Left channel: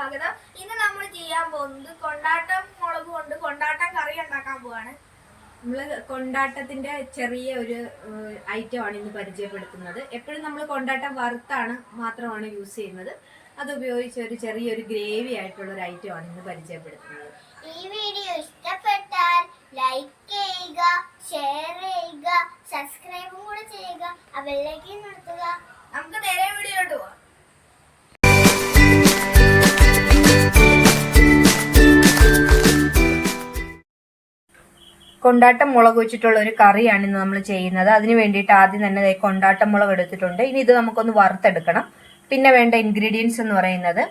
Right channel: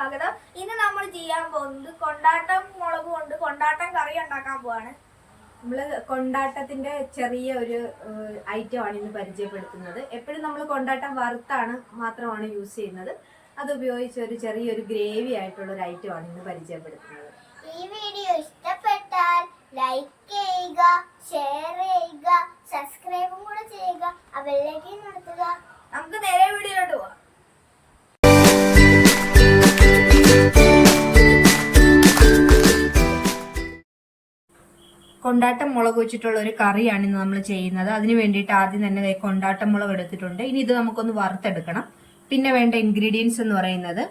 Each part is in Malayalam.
സ്വാഗതം ഇന്ന് നമ്മൾ ചെയ്യാൻ പോകുന്നത് കൊണ്ടാട്ടം മുളക് കൊണ്ട് കൊണ്ടാട്ടം കറി ഉണ്ടാക്കാൻ പോവാണ്. നമ്മൾ കൊണ്ടാട്ടത്തിന്റെ ചെറിയ ഒരു ഐറ്റം ആണ് ഇന്ന് പരിചയപ്പെടുത്തുന്നത്. എപ്പോഴും നമ്മൾ കൊണ്ടാട്ടം വറുത്താണ് മാത്രമാണ് യൂസ് ചെയ്യുന്നത്. അത് ഉപയോഗിച്ച് ഒരു ചെറിയൊരു ഗ്രേവി ആയിട്ടുള്ള ഒരു ഐറ്റം ആണ് ഇന്ന് പരിചയപ്പെടുത്തുന്നത്. ഈ വീഡിയോ ഇഷ്ടപ്പെട്ടാൽ ലൈക്ക് ചെയ്യുക ഷെയർ ചെയ്യുക സബ്സ്ക്രൈബും കൂടെ ചെയ്യുക അവരിലേക്ക് നടത്തുക നമുക്ക് നേരെ വീഡിയോയിലോട്ട് പോവാം. കൊണ്ടാട്ടം മുളക് വെച്ചിട്ടുള്ള ഒരു കറിയാണ് ഇന്ന് നമ്മൾ ചെയ്യുന്നത്. അതിന് വേണ്ടിയിട്ട് ആദ്യം തന്നെ കൊണ്ടാട്ടം മുളക് എടുത്തിട്ടുണ്ട്. ഇനി ഇത് നമുക്കൊന്ന് വറുത്തെടുക്കണം. പിന്നെ വേണ്ട ഇൻഗ്രീഡിയൻസ് എന്ന് പറയുന്നത്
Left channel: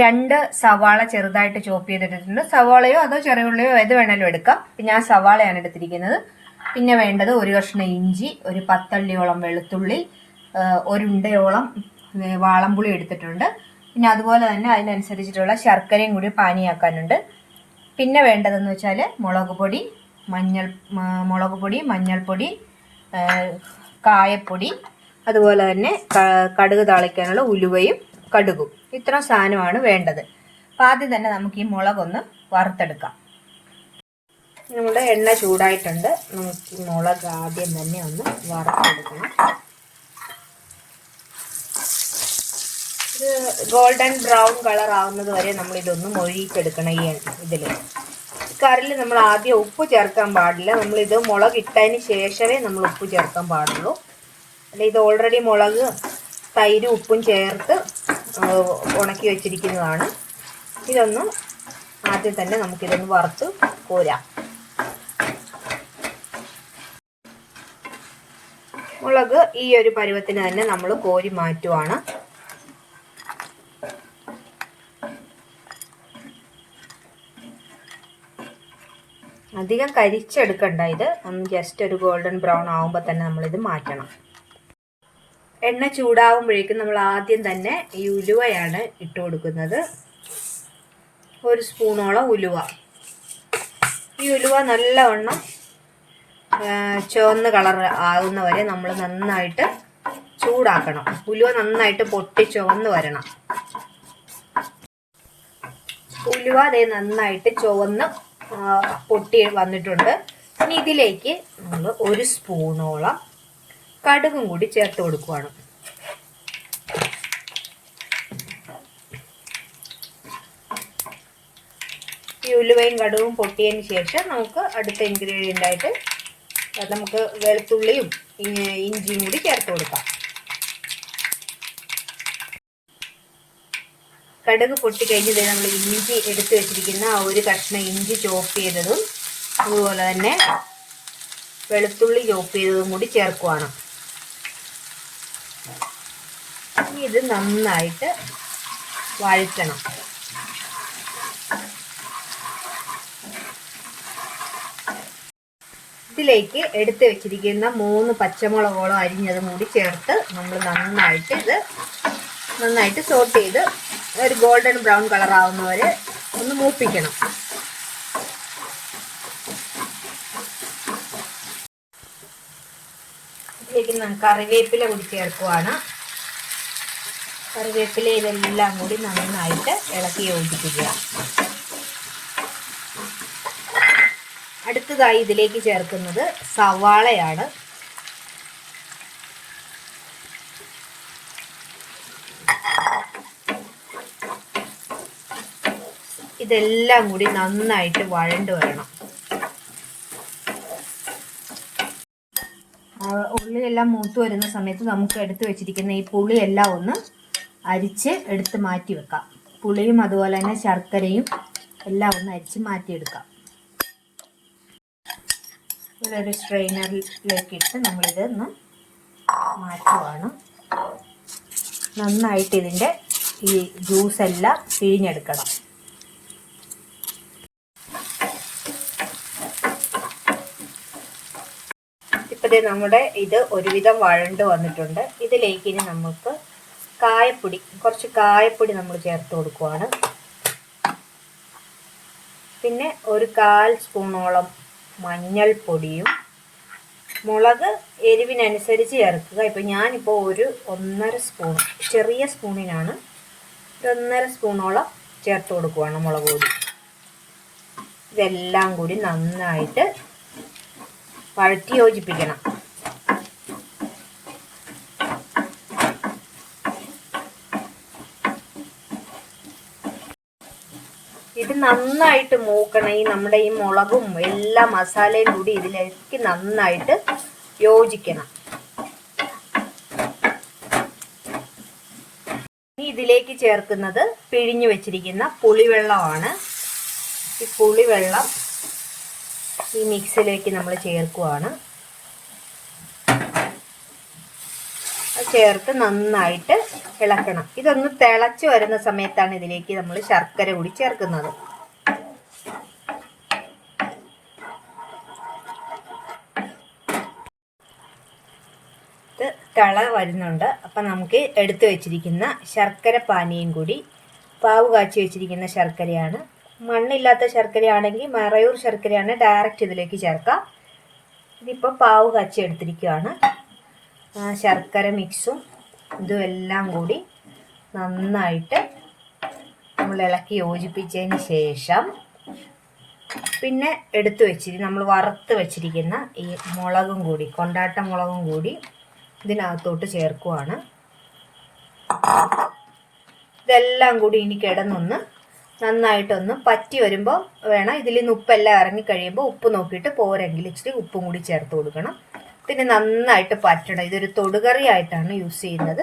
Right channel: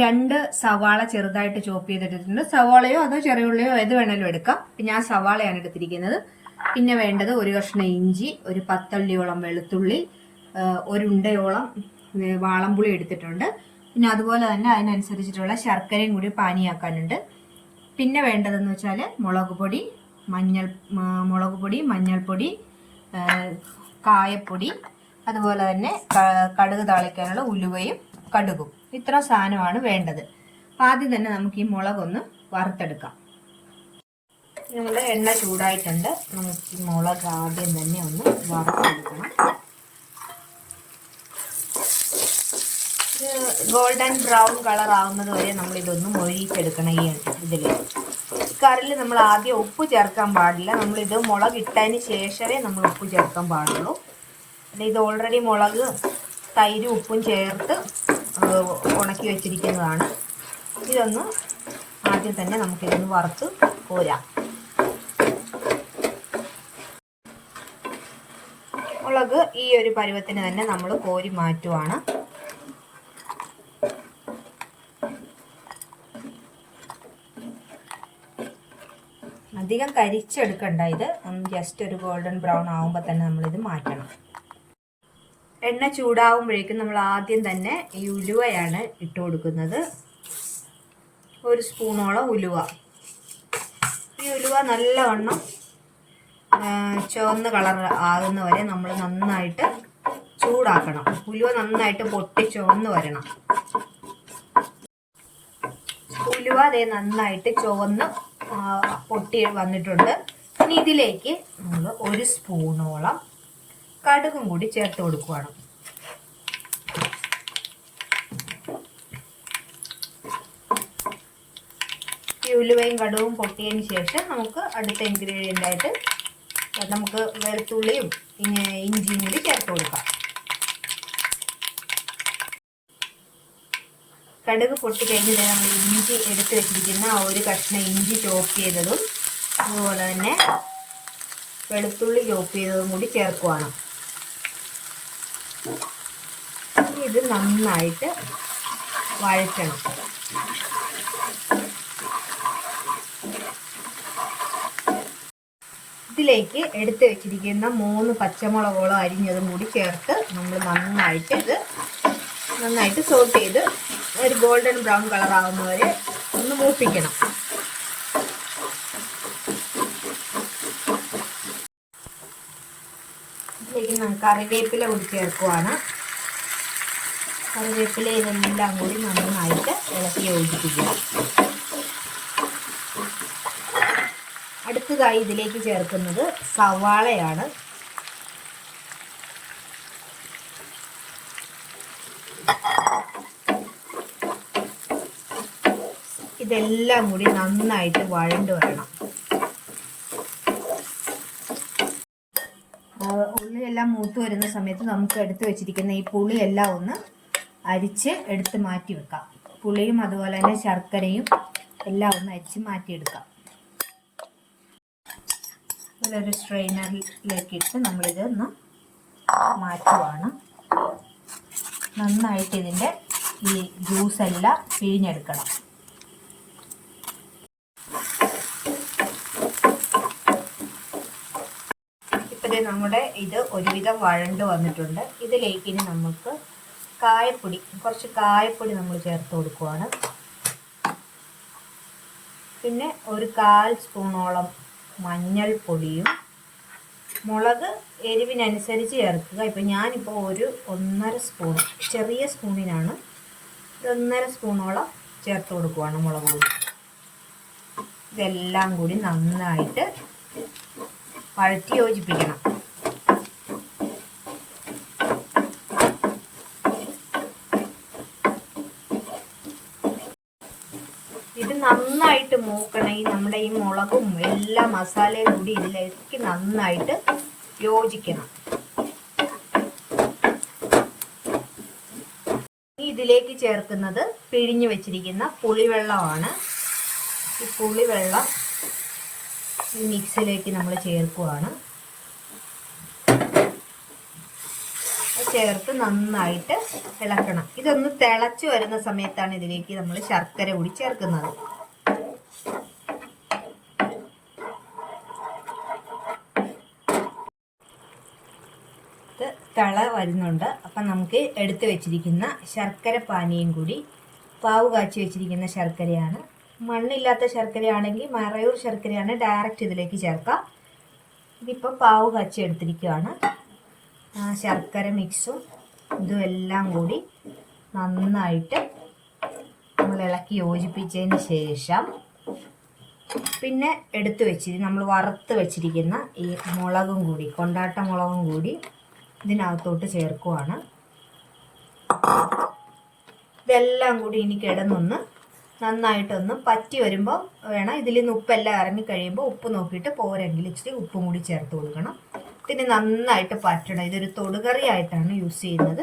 രണ്ട് സവാള ചെറുതായിട്ട് ചോപ്പ് ചെയ്തെടുത്തിട്ടുണ്ട് സവാളയോ അതോ ചെറിയുള്ളിയോ ഏത് വേണേലും എടുക്കാം. ഞാൻ സവാളയാണ് എടുത്തിരിക്കുന്നത്. പിന്നെ വേണ്ടത് ഒരു കഷ്ണം ഇഞ്ചി ഒരു പത്തള്ളിയോളം വെളുത്തുള്ളി ഒരുണ്ടയോളം വാളംപുളി എടുത്തിട്ടുണ്ട്. പിന്നെ അതുപോലെ തന്നെ അതിനനുസരിച്ചിട്ടുള്ള ശർക്കരയും കൂടി പാനിയാക്കാനുണ്ട്. പിന്നെ വേണ്ടതെന്ന് വെച്ചാൽ മുളക് പൊടി മഞ്ഞൾ മുളക് പൊടി മഞ്ഞൾപ്പൊടി കായപ്പൊടി അതുപോലെ തന്നെ കടുക് താളിക്കാനുള്ള ഉലുവയും കടുകും. ഇത്ര സാധനമാണ് വേണ്ടത്. അപ്പം ആദ്യം തന്നെ നമുക്ക് ഈ മുളകൊന്ന് വറുത്തെടുക്കാം. നമ്മുടെ എണ്ണ ചൂടായിട്ടുണ്ട്. നമുക്ക് മുളക് ആദ്യം തന്നെ ഒന്ന് വറുത്തെടുക്കണം. ഇത് ഗോൾഡൻ ബ്രൗൺ കളർ ആവുന്നത് വരെ നമ്മൾ ഇതൊന്ന് മൊഴിയിച്ചെടുക്കണം ഈ ഇതിൽ കറിയിൽ നമ്മൾ ആദ്യം ഉപ്പ് ചേർക്കാൻ പാടില്ല. നമ്മൾ ഇത് മുളക് ഇട്ടതിന് ശേഷമേ നമ്മൾ ഉപ്പ് ചേർക്കാൻ പാടുള്ളൂ. അല്ല ഇത് ഓൾറെഡി മുളക് തൈരും ഉപ്പും ചേർത്ത് ഉണക്കി വെച്ചിരിക്കുന്നതാണ്. ഇതൊന്ന് ആദ്യം തന്നെ നമുക്കിതൊന്ന് വറുത്ത് കോരാം. മുളക് ഈ ഒരു പരുവത്തിന് തന്നെ നമ്മൾ കോരി മാറ്റുവാണ്. അധികം കരിച്ചെടുക്കണ്ട. ഇത് ഒന്ന് ജസ്റ്റ് ഒരു ഗോൾഡൻ ബ്രൗൺ ആവുമ്പോൾ തന്നെ നമ്മളിത് മാറ്റണം. എണ്ണ ചൂടാവുമ്പോഴേക്കും നമ്മൾ ആദ്യം തന്നെ ഈ ഉലുവയാണ് ഇട്ട് കൊടുക്കുന്നത്. ഒരു സ്പൂണോളം ഉലുവ. ഈ ഉലുവ നല്ലവണ്ണം ചുവന്ന കളർ ആകുന്ന വരെ നമ്മൾ നന്നായിട്ട് ചൂടാക്കണം. ഉലുവ നന്നായിട്ട് പൊട്ടി ചുവന്ന് വരണം. ഉലുവ അതേ നന്നായിട്ട് ചുവന്ന് പൊട്ടി വന്നിട്ടുണ്ട്. ഇനി ഇതിലേക്ക് നമ്മൾ ഒരു സ്പൂണോളം കടുകും കൂടി ചേർത്ത് കൊടുക്കുവാണ്. ഈ ഉലുവയും കടുവും പൊട്ടിയതിന് ശേഷം നമുക്ക് അടുത്ത ഇൻഗ്രീഡിയന്റായിട്ട് നമുക്ക് വെളുത്തുള്ളിയും ഇഞ്ചിയും കൂടി ചേർത്ത് കൊടുക്കാം. കടുക് പൊട്ടിക്കഴിഞ്ഞ് നമ്മൾ ഇഞ്ചി എടുത്ത് വെച്ചിരിക്കുന്ന ആ ഒരു കഷ്ണം ഇഞ്ചി ചോപ്പ് ചെയ്തതും അതുപോലെ തന്നെ വെളുത്തുള്ളി ചോപ്പ് ചെയ്തതും കൂടി ചേർക്കുവാണ്. ഇത് നന്നായിട്ട് വഴറ്റണം. ഇതിലേക്ക് എടുത്ത് വെച്ചിരിക്കുന്ന മൂന്ന് പച്ചമുളകോളം അരിഞ്ഞതും കൂടി ചേർത്ത് നമ്മൾ നന്നായിട്ട് ഇത് നന്നായിട്ട് സോട്ട് ചെയ്ത് ഒരു ഗോൾഡൻ ബ്രൗൺ കളർ ആവുന്ന വരെ ഒന്ന് മൂപ്പിക്കണം. ഇതിലേക്ക് നമുക്ക് കറിവേപ്പില കൂടി ചേർക്കുവാണ്. കറിവേപ്പില ഇതെല്ലാം കൂടി നന്നായിട്ട് ഇളക്കി യോജിപ്പിക്കുക. അടുത്തതായി ഇതിലേക്ക് ചേർക്കുന്നത് സവാളയാണ്. ഇതെല്ലാം കൂടി നന്നായിട്ട് വഴണ്ട് വരണം. ഉള്ളിയെല്ലാം മൂത്ത് വരുന്ന സമയത്ത് നമുക്ക് എടുത്ത് വെച്ചിരിക്കുന്ന ഈ പുളിയെല്ലാം ഒന്ന് അരിച്ച് എടുത്ത് മാറ്റി വെക്കാം. പുളിയും അതുപോലെ തന്നെ ശർക്കരയും എല്ലാം ഒന്ന് അരിച്ച് മാറ്റിയെടുക്കാം. ഇതൊരു ഒന്ന് മാറ്റുവാണ്. നന്നായിട്ട് ഇതിന്റെ ഈ ജ്യൂസെല്ലാം പിഴിഞ്ഞെടുക്കണം. ഇപ്പതേ നമ്മുടെ ഇത് ഒരുവിധം വഴണ്ട് വന്നിട്ടുണ്ട്. ഇതിലേക്ക് ഇനി നമുക്ക് കായപ്പൊടി കുറച്ച് കായപ്പൊടി നമ്മൾ ചേർത്ത് കൊടുക്കുവാണ്. പിന്നെ ഒരു കാൽ സ്പൂണോളം മഞ്ഞൾപ്പൊടിയും മുളക് എരിവിനനുസരിച്ച് ചേർക്കുക. ഇപ്പം ഞാനിപ്പോൾ ഒരു ഒന്നര സ്പൂൺ ചെറിയ സ്പൂണിനാണ് ഒന്നര സ്പൂണോളം ചേർത്ത് കൊടുക്കുവാണ് മുളക് പൊടി. ഇതെല്ലാം കൂടി നന്നായിട്ട് വഴറ്റി യോജിപ്പിക്കണം ഇത് നന്നായിട്ട് മൂക്കണം. ഈ നമ്മുടെ ഈ മുളകും എല്ലാ മസാലയും കൂടി ഇതിലേക്ക് നന്നായിട്ട് യോജിക്കണം. ഇനി ഇതിലേക്ക് ചേർക്കുന്നത് പിഴിഞ്ഞു വെച്ചിരിക്കുന്ന പുളിവെള്ളമാണ്. ഈ പുളിവെള്ളം ഈ മിക്സിയിലേക്ക് നമ്മൾ ചേർക്കുവാണ്. ചേർത്ത് നന്നായിട്ട് ഇളക്കണം. ഇതൊന്ന് തിളച്ചു വരുന്ന സമയത്താണ് ഇതിലേക്ക് നമ്മൾ ശർക്കര കൂടി ചേർക്കുന്നത്. ഇത് തിള വരുന്നുണ്ട്. അപ്പം നമുക്ക് എടുത്തു വെച്ചിരിക്കുന്ന ശർക്കര പാനീയം കൂടി പാവ് കാച്ചി വെച്ചിരിക്കുന്ന ശർക്കരയാണ് മണ്ണില്ലാത്ത ശർക്കരയാണെങ്കിൽ മറയൂർ ശർക്കരയാണ് ഡയറക്റ്റ് ഇതിലേക്ക് ചേർക്കാം. ഇതിപ്പോൾ പാവ് കാച്ചി എടുത്തിരിക്കുകയാണ്. ശർക്കര മിക്സും ഇതും എല്ലാം കൂടി നന്നായിട്ട് നമ്മൾ ഇളക്കി യോജിപ്പിച്ചതിന് ശേഷം പിന്നെ എടുത്തു വെച്ചിരി നമ്മൾ വറുത്ത് വെച്ചിരിക്കുന്ന ഈ മുളകും കൂടി കൊണ്ടാട്ട മുളകും കൂടി ഇതിനകത്തോട്ട് ചേർക്കുവാണ്. ഇതെല്ലാം കൂടി ഇനി കിടന്നൊന്ന് നന്നായിട്ടൊന്ന് പറ്റി വരുമ്പോൾ വേണം. ഇതിൽ നിന്ന് ഉപ്പെല്ലാം ഇറങ്ങി കഴിയുമ്പോൾ ഉപ്പ് നോക്കിയിട്ട് പോരെങ്കിൽ ഇച്ചിരി ഉപ്പും കൂടി ചേർത്ത് കൊടുക്കണം. പിന്നെ നന്നായിട്ട് പറ്റണം. ഇതൊരു തൊടുകറി ആയിട്ടാണ് യൂസ് ചെയ്യുന്നത്.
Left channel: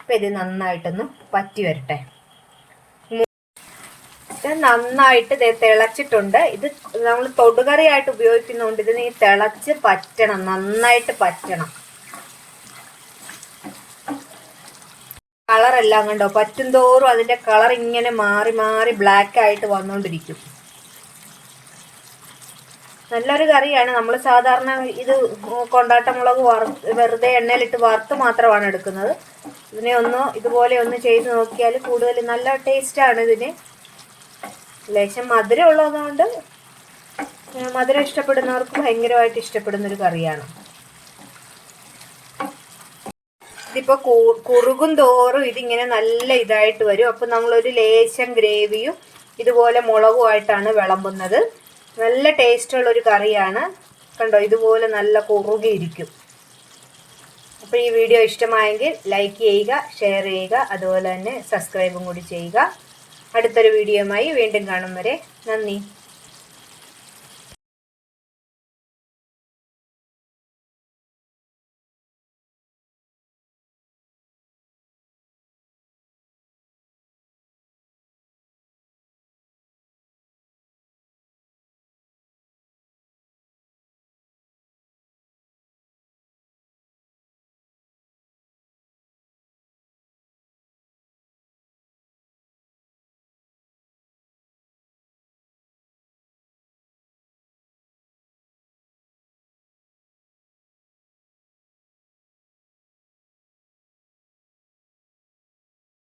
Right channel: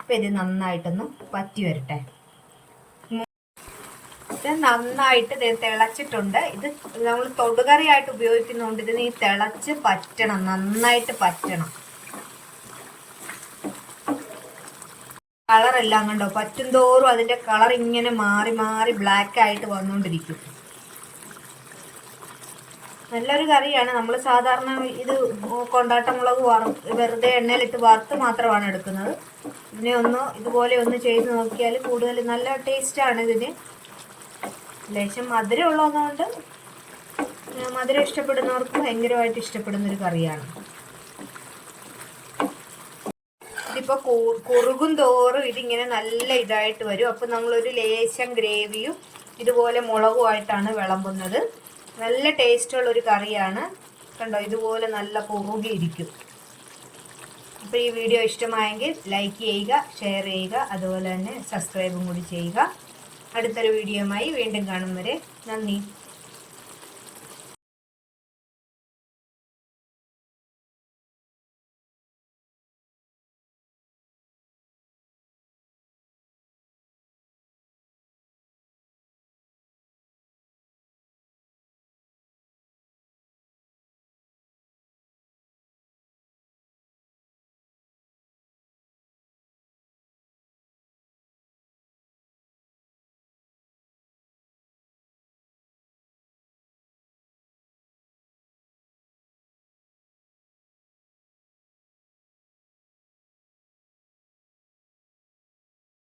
അപ്പം ഇത് നന്നായിട്ടൊന്ന് പറ്റി വരട്ടെ. ഇത് നന്നായിട്ട് ഇത് തിളച്ചിട്ടുണ്ട്. ഇത് നമ്മൾ തൊടുകറിയായിട്ട് ഉപയോഗിക്കുന്നതുകൊണ്ട് ഇത് നീ തിളച്ച് പറ്റണം. നന്നായിട്ട് പറ്റണം. കളറെല്ലാം കണ്ടോ? പറ്റും തോറും അതിന്റെ കളർ ഇങ്ങനെ മാറി മാറി ബ്ലാക്ക് ആയിട്ട് വന്നുകൊണ്ടിരിക്കും നല്ലൊരു കറിയാണ്. നമ്മൾ സാധാരണ ഇത് കൊണ്ടാട്ട മുളക് വറ വെറുതെ എണ്ണയിലിട്ട് വറുത്ത് മാത്രമാണ് എടുക്കുന്നത്. ഇതിനെ ഒന്ന് ഇതുപോലെ ഒന്ന് ചെയ്ത് നോക്കിയാൽ കൂടുതൽ നല്ല ടേസ്റ്റാണ് ഇതിന്. ലേശം മധുരം ഉള്ളതുകൊണ്ട് ഏഹ് മധുരം ഇഷ്ടപ്പെടുന്നവർക്ക് ഭയങ്കരമായിട്ട് ഇഷ്ടപ്പെടുന്നൊരു കറിയാണ്. ഇതിപ്പോ കുറുകും തോറും ഇതിങ്ങനെ നല്ല ഇതായിട്ട് വരും. അപ്പൊ നമ്മളൊരു ലേശം ഗ്രേവിയും ഇതുപോലെ മുളകുമായിട്ടാണ് വിളമ്പുന്നത്. നല്ല ടേസ്റ്റുള്ള ഒരു കറിയാണ്. കണ്ടോ ഇതുപോലെ നല്ല കുറുകിയിരിക്കും. അപ്പൊ ഈ വീഡിയോ ഇഷ്ടമായെങ്കിൽ ലൈക്ക് ചെയ്യുക ഷെയർ ചെയ്യുക അതുപോലെ തന്നെ സബ്സ്ക്രൈബും കൂടി ചെയ്യുക. അടുത്തൊരു വീഡിയോയുമായി വീണ്ടും കാണും വരെ. നന്ദി.